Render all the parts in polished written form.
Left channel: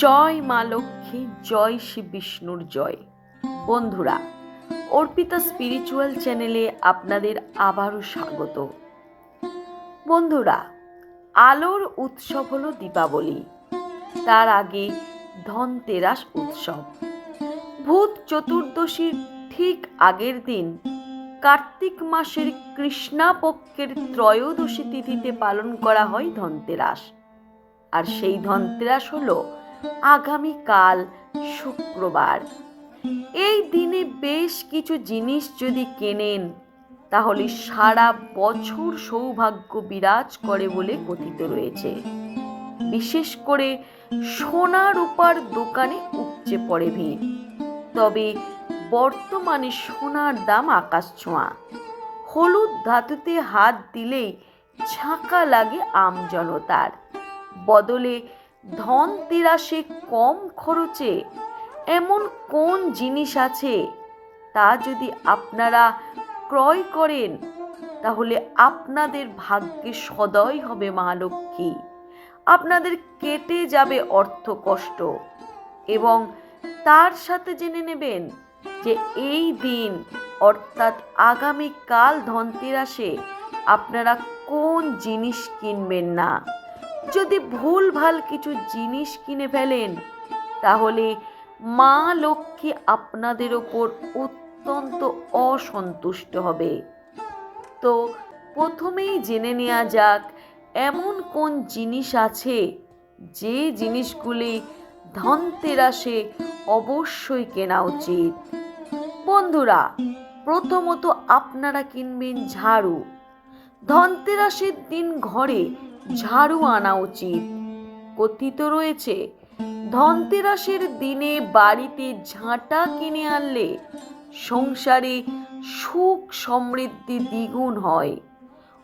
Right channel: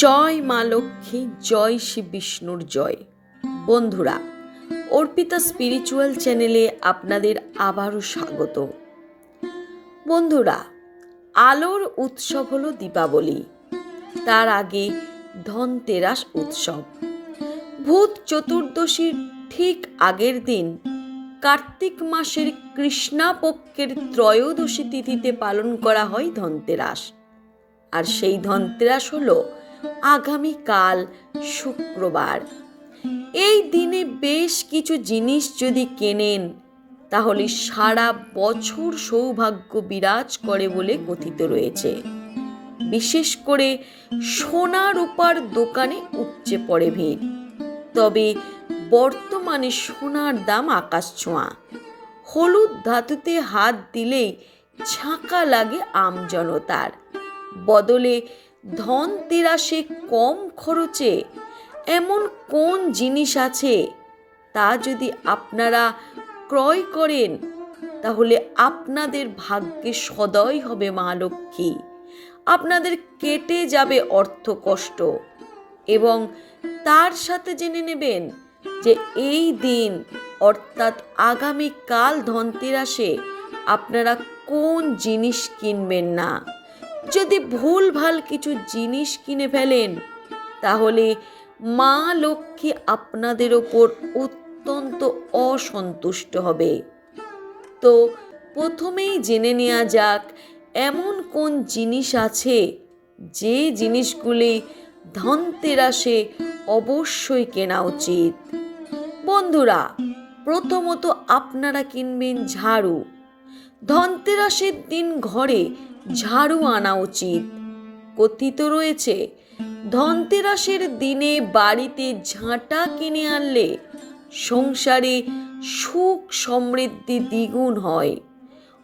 জয় মা লক্ষ্মী, জয় শ্রী বিষ্ণুর জয়। বন্ধুরা, অর্পিতা স্পিরিচুয়াল চ্যানেলে আপনাদের আবারও স্বাগত। বন্ধুরা, আলোর উৎসব হলো দীপাবলি, তার আগে ধনতেরাস উৎসব। ভূত চতুর্দশীর ঠিক আগের দিন কার্তিক মাসের কৃষ্ণা পক্ষের ত্রয়োদশী তিথিতে পালন করা হয় ধনতেরাস। আর সেই ধনতেরাস হলো আগামীকাল শুক্রবার। এই দিনে বেশ কিছু জিনিস যদি কেনেন তাহলে সারা বছর সৌভাগ্য বিরাজ করে বলে কথিত রয়েছে। বিশেষ করে সোনা রূপার দোকানে উপচে পড়ে ভিড়। তবে বর্তমানে সোনার দাম আকাশছোঁয়া। হলুদ ধাতুতে হাত দিলেই ঝাঁকা লাগে আমজনতার। বদলে ধনতেরাসে কম খরচে এমন কোন জিনিস আছে তা যদি আপনারা ক্রয় করেন তাহলে আপনাদের ভাগ্যে সদয় হবে মা লক্ষ্মী। আপনাদের কেটে যাবে অর্থ কষ্ট এবং তার সাথে জেনে নেবেন যে এই দিন অর্থাৎ আগামীকাল ধনতেরাসে আপনারা কোন জিনিস কিনবেন না। যদি ভুলভাল কিছু জিনিস কিনে ফেলেন তাহলে মা লক্ষ্মী আপনাদের ওপর অত্যন্ত অসন্তুষ্ট হবে। তো প্রথমেই জেনে নেওয়া যাক এমন কোন জিনিস আছে যে জিনিসগুলি ধনতেরাসে অবশ্যই কেনা উচিত। বন্ধুরা, প্রথমত আপনারা কিনবেন ঝাড়ু। ধনতেরাসের দিন ঘরে ঝাড়ু আনা উচিত। কথিত রয়েছে ধনতেরাসের দিনে বাড়িতে ঝাঁটা কিনে আনলে সংসারে সুখ সমৃদ্ধি দ্বিগুণ হয়।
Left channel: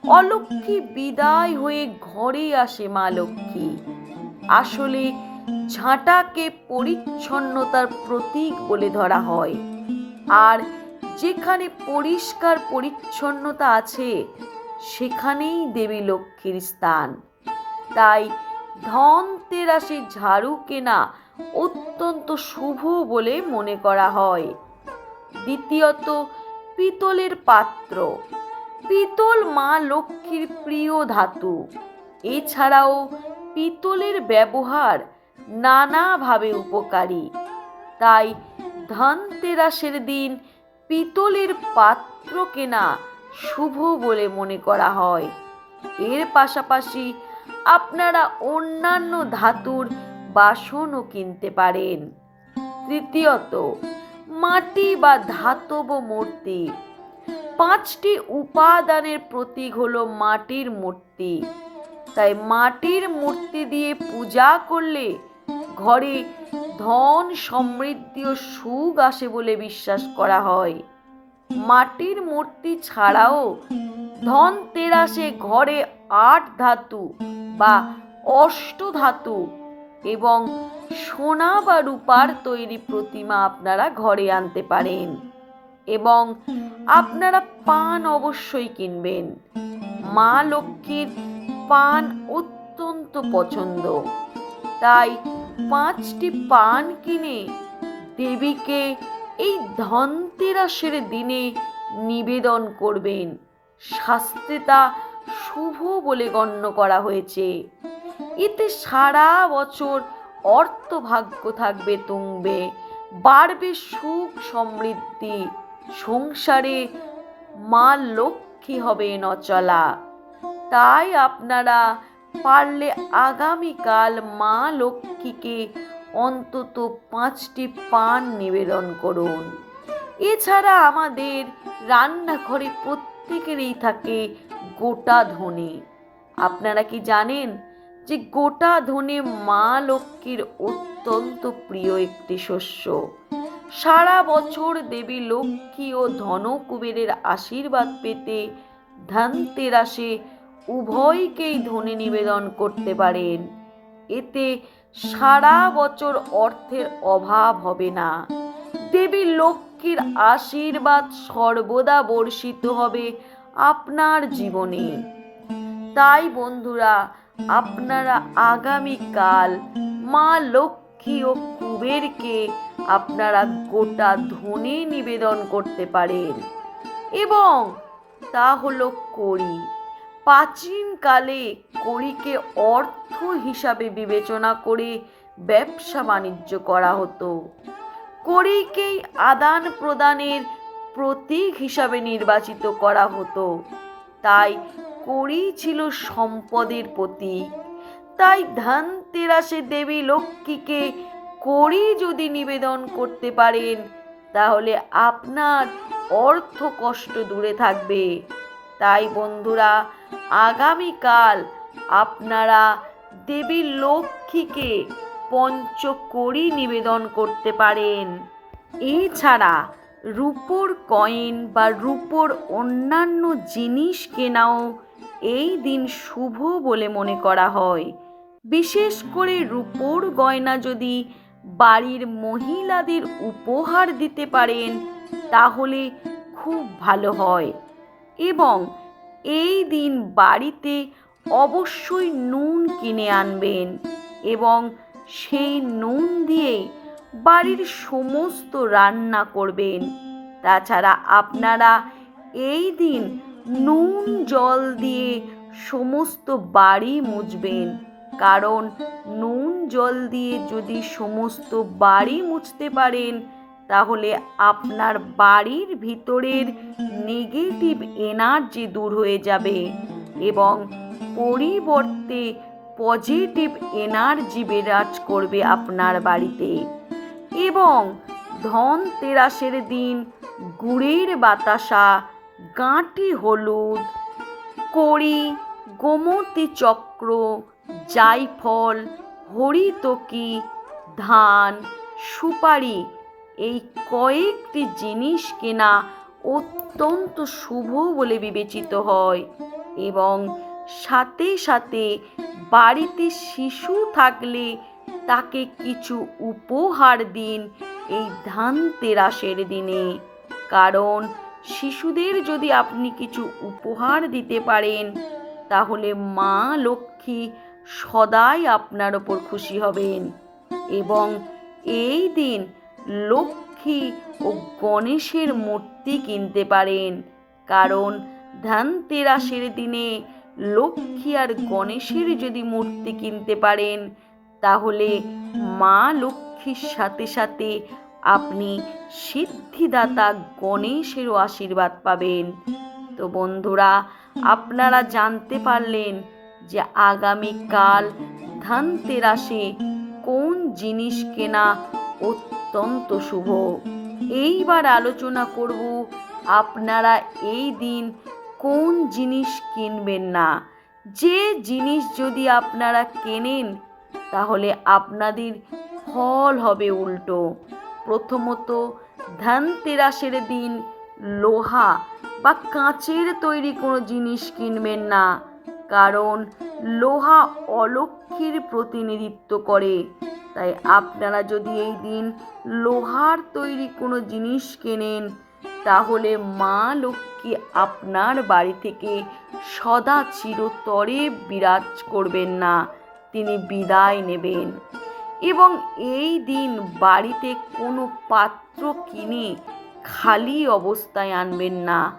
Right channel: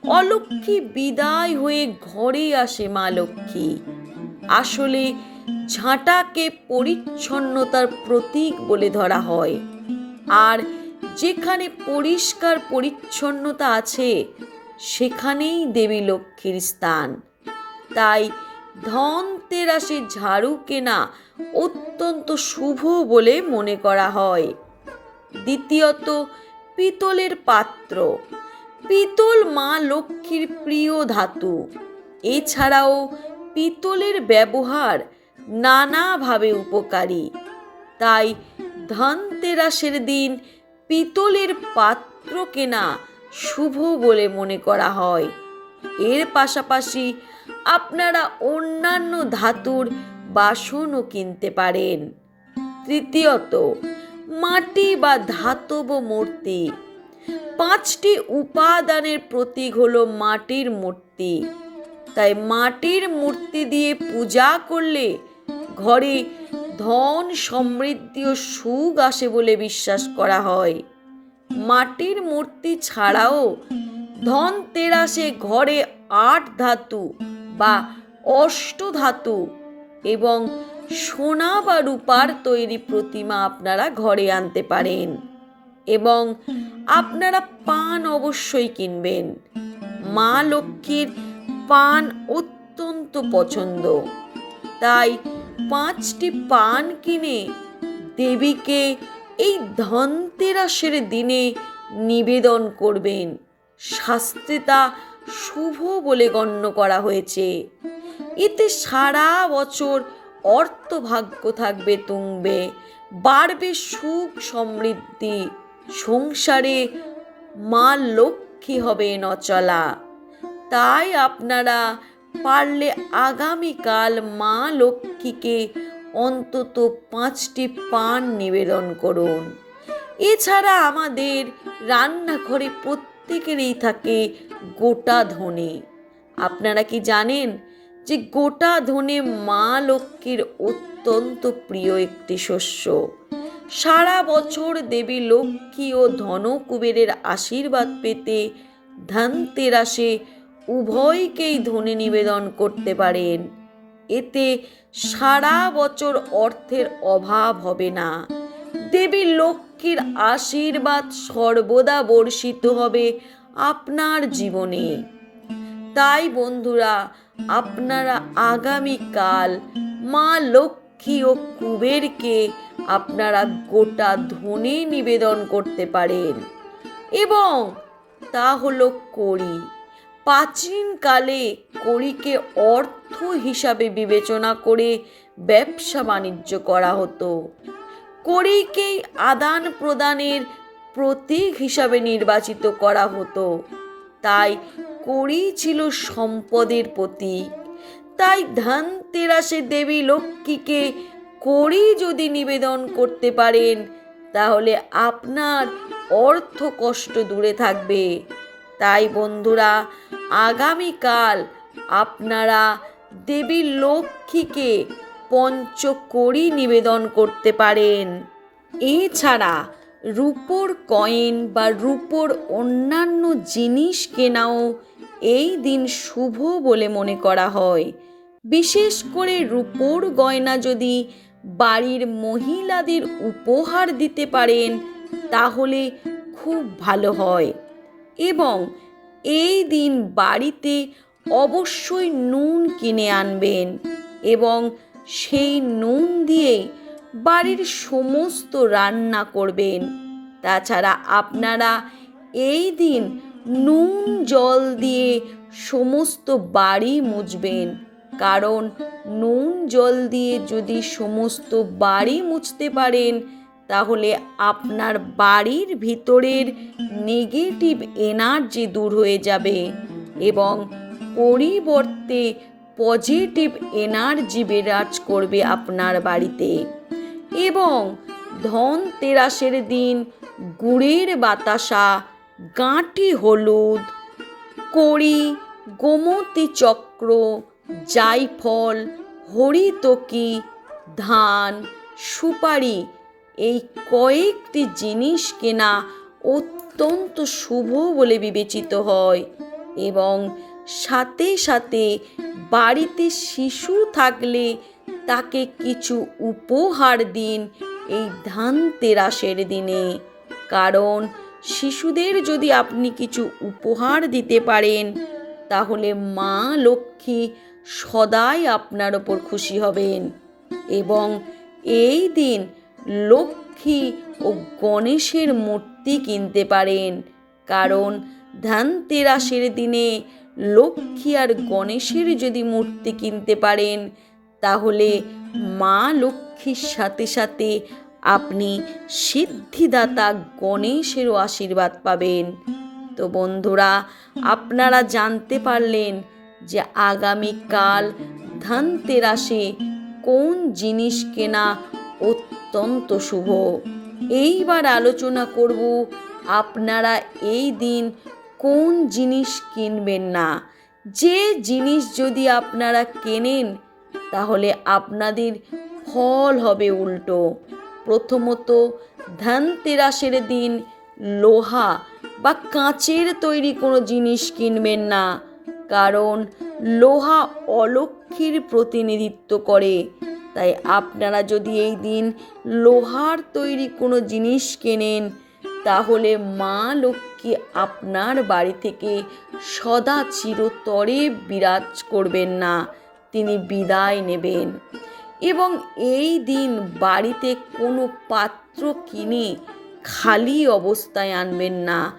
অলক্ষ্মী বিদায় হয়ে ঘরে আসে মা লক্ষ্মী। আসলে ঝাঁটাকে পরিচ্ছন্নতার প্রতীক বলে ধরা হয়, আর যেখানে পরিষ্কার পরিচ্ছন্নতা আছে সেখানেই দেবী লক্ষ্মীর স্থান। তাই ধনতেরাসে ঝাড়ু কেনা অত্যন্ত শুভ বলে মনে করা হয়। দ্বিতীয়ত, পিতলের পাত্র। পিতল মা লক্ষ্মীর প্রিয় ধাতু। এছাড়াও পিতলের ব্যবহার নানাভাবে উপকারী। তাই ধনতেরাসের দিন পিতলের পাত্র কেনা শুভ বলে মনে করা হয়। এর পাশাপাশি আপনারা অন্যান্য ধাতুর বাসনও কিনতে পারেন। তৃতীয়ত, মাটি বা ধাতব মূর্তি। 5টি উপাদানের প্রতীক হলো মাটির মূর্তি। তাই মাটির মূর্তি দিয়ে পূজা করলে ঘরে ধন সমৃদ্ধি ও সুখ আসে বলে বিশ্বাস করা হয়। মাটির মূর্তি ছাড়াও ধনতেরাসে ঘরে 8 ধাতু বা অষ্টধাতু এবং সোনা বা রূপার তৈরি প্রতিমা আপনারা ঘরে আনতে পারেন। এবং আপনারা পান অবশ্যই কিনবেন। মা লক্ষ্মীর পান অত্যন্ত পছন্দ। তাই 5টি পান কিনে দেবীকে এই ধনতেরাসের দিনে নিবেদন করবেন। শাস্ত্রে তা শুভ বলে গণ্য করা হয়েছে। এতে সারা বছর অর্থভাগ্য থাকবে তুঙ্গে, বাড়বে সুখ সমৃদ্ধি, সংসারে মা লক্ষ্মী হবে নচলা। তাই আপনারা পারলে আগামীকাল মা লক্ষ্মীকে অন্তত 5টি পান নিবেদন করুন। এছাড়া আমাদের রান্নাঘরে প্রত্যেকেরই থাকে গোটা ধনে। আপনারা কি জানেন যে গোটা ধনে মা লক্ষ্মীর অত্যন্ত প্রিয় একটি শস্য। সারা বছর দেবী লক্ষ্মী ও ধনকুবেরের আশীর্বাদ পেতে ধনতেরাসে উভয়কেই ধনে নিবেদন করতে পারেন। এতে সারা বছর অর্থের অভাব হবে না। দেবী লক্ষ্মীর আশীর্বাদ সর্বদা বর্ষিত হবে আপনার জীবনে। তাই বন্ধুরা, আপনারা আগামীকাল মা লক্ষ্মী লক্ষ্মী ও কুবেরকে আপনারা গোটা ধনে নিবেদন করতে পারেন। এবং তা হলো কড়ি। প্রাচীনকালে কড়িকে অর্থ হিসাবে বিবেচনা করে ব্যবসা বাণিজ্য করা হতো। কড়িকেই আদান প্রদানের প্রতীক হিসাবে নির্বাচিত করা হতো। তাই কড়ি ছিল সম্পদের প্রতীক। তাই ধনতেরাসে দেবী লক্ষ্মীকে কড়ি যদি নিবেদন করতে পারেন, তাহলে আপনার অর্থ কষ্ট দূরে থাকবে। তাই বন্ধুরা, আগামীকাল আপনারা দেবী লক্ষ্মীকে পঞ্চকড়ি নিবেদন করতে পারেন। এছাড়া রূপোর কয়েন বা রূপোর অন্যান্য জিনিস কেনাও এই দিন শুভ বলে মনে করা হয়। বিশেষ করে রূপোর গয়না যদি বাড়ির মহিলাদের উপহার দিতে পারেন, তাহলে খুব ভালো হয়। এবং এই দিন বাড়িতে অবশ্যই নুন কিনে আনবেন এবং সেই নুন দিয়ে বাড়ির সমস্ত রান্না করবেন। তাছাড়া আপনারা এই দিন নুন জল দিয়ে সমস্ত বাড়ি মুছবেন। কারণ নুন জল দিয়ে যদি সমস্ত বাড়ি মুছতে পারেন, তাহলে আপনার বাড়ির ভিতরের নেগেটিভ এনার্জি দূর হয়ে যাবে এবং পরিবর্তে পজিটিভ এনার্জি বিরাজ করবে আপনার বাড়িতে। এবং ধনতেরাসের দিন গুড়ের বাতাসা, গাঁটি হলুদ, কড়ি, গোমতী চক্র, জায়ফল, হরিতকি, ধান, সুপারি এই কয়েকটি জিনিস কেনা অত্যন্ত শুভ বলে বিবেচিত হয়। এবং সাথে সাথে বাড়িতে শিশু থাকলে তাকে কিছু উপহার দিন এই ধনতেরাসের দিনে। কারণ শিশুদের যদি আপনি কিছু উপহার দিতে পারেন, তাহলে মা লক্ষ্মী সদাই আপনার ওপর খুশি হবেন। এবং এই দিন লক্ষ্মী ও গণেশের মূর্তি কিনতে পারেন। কারণ ধনতেরাসের দিনে লক্ষ্মী আর গণেশের যদি মূর্তি কিনতে পারেন, তাহলে মা লক্ষ্মীর সাথে সাথে আপনি সিদ্ধিদাতা গণেশেরও আশীর্বাদ পাবেন। তো বন্ধুরা, আপনারা জানতে পারলেন যে আগামীকাল ধনতেরাসে কোন জিনিস কেনা অত্যন্ত শুভ। এইবার আলোচনা করব আপনারা এই দিন কোন জিনিস কিনবেন না। যে জিনিস যদি আপনারা কেনেন, তাহলে আপনাদের ফল হবে উল্টো। প্রথমত, ধনতেরাসের দিন লোহা বা কাঁচের তৈরি কোনো জিনিস কিনবেন না। কারণ লোহা অলক্ষ্মীর প্রতিনিধিত্ব করে। তাই আপনারা যদি এই দিন লোহার তৈরি কোনো জিনিস কেনেন, তাহলে মা লক্ষ্মী আপনার বাড়ি থেকে সদা চিরতরে বিরাজ করবেন না, তিনি বিদায় নেবেন। এবং এই দিন বাড়িতে কোনো পাত্র কিনে খালি অবস্থায় আনবেন না।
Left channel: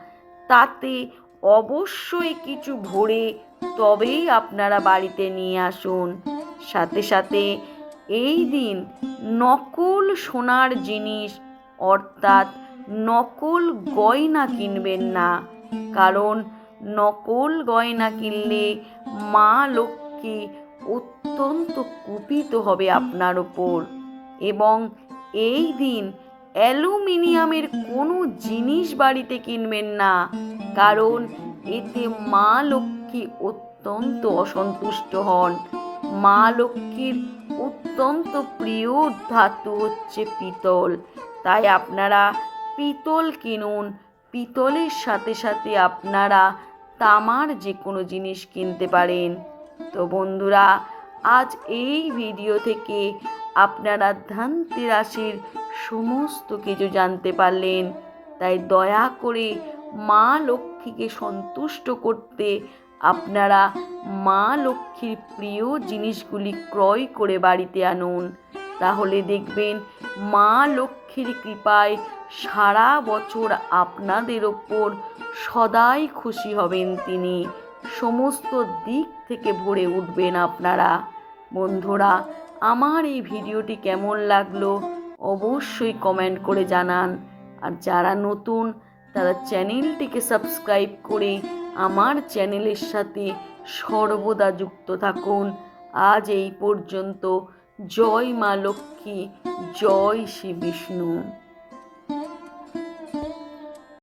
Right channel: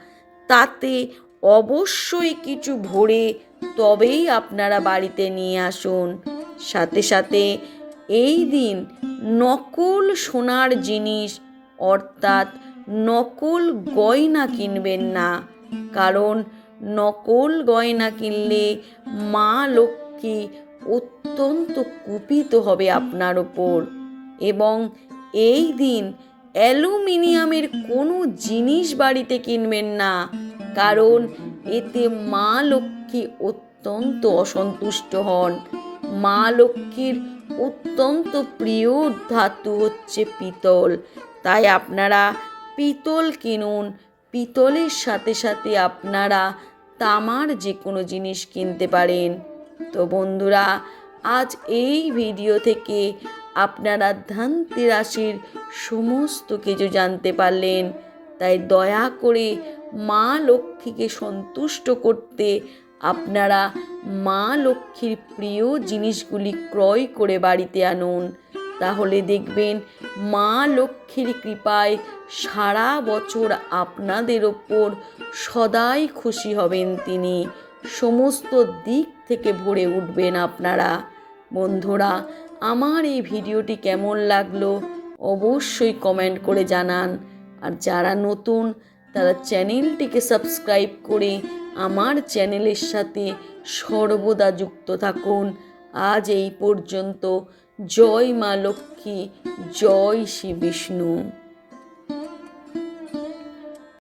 তাতে অবশ্যই কিছু ভরে তবেই আপনারা বাড়িতে নিয়ে আসুন। সাথে সাথে এই দিন নকল সোনার জিনিস অর্থাৎ নকল গয়না কিনবেন না। কারণ নকল গয়না কিনলে মা লক্ষ্মী অত্যন্ত কুপিত হবে আপনার ওপর। এবং এই দিন অ্যালুমিনিয়ামের কোনো জিনিস বাড়িতে কিনবেন না। কারণ এতে মা লক্ষ্মী অত্যন্ত অসন্তুষ্ট হন। মা লক্ষ্মীর অত্যন্ত প্রিয় ধাতু হচ্ছে পিতল। তাই আপনারা পিতল কিনুন। পিতলের সাথে সাথে আপনারা তামার যে কোনো জিনিস কিনতে পারেন। তো বন্ধুরা, আজ এই ভিডিও থেকে আপনারা ধনতেরাসের সমস্ত কিছু জানতে পারলেন। তাই দয়া করে মা লক্ষ্মীকে সন্তুষ্ট করতে আপনারা মা লক্ষ্মীর প্রিয় জিনিসগুলি ক্রয় করে বাড়িতে আনুন। তাহলে দেখবেন মা লক্ষ্মীর কৃপায় সারা বছর আপনাদের ওপর সদাই খুশি হবেন তিনি। সমস্ত দিক থেকে ভরে উঠবেন আপনারা। বন্ধুরা, আমার এই ভিডিওটি কেমন লাগলো অবশ্যই কমেন্ট করে জানান। আর যারা নতুন তারা চ্যানেলটিকে সাবস্ক্রাইব করে আমার চ্যানেলের সাথে সর্বদা যুক্ত থাকুন। আজ এই পর্যন্ত। জয় মা লক্ষ্মী, জয় শ্রী বিষ্ণু।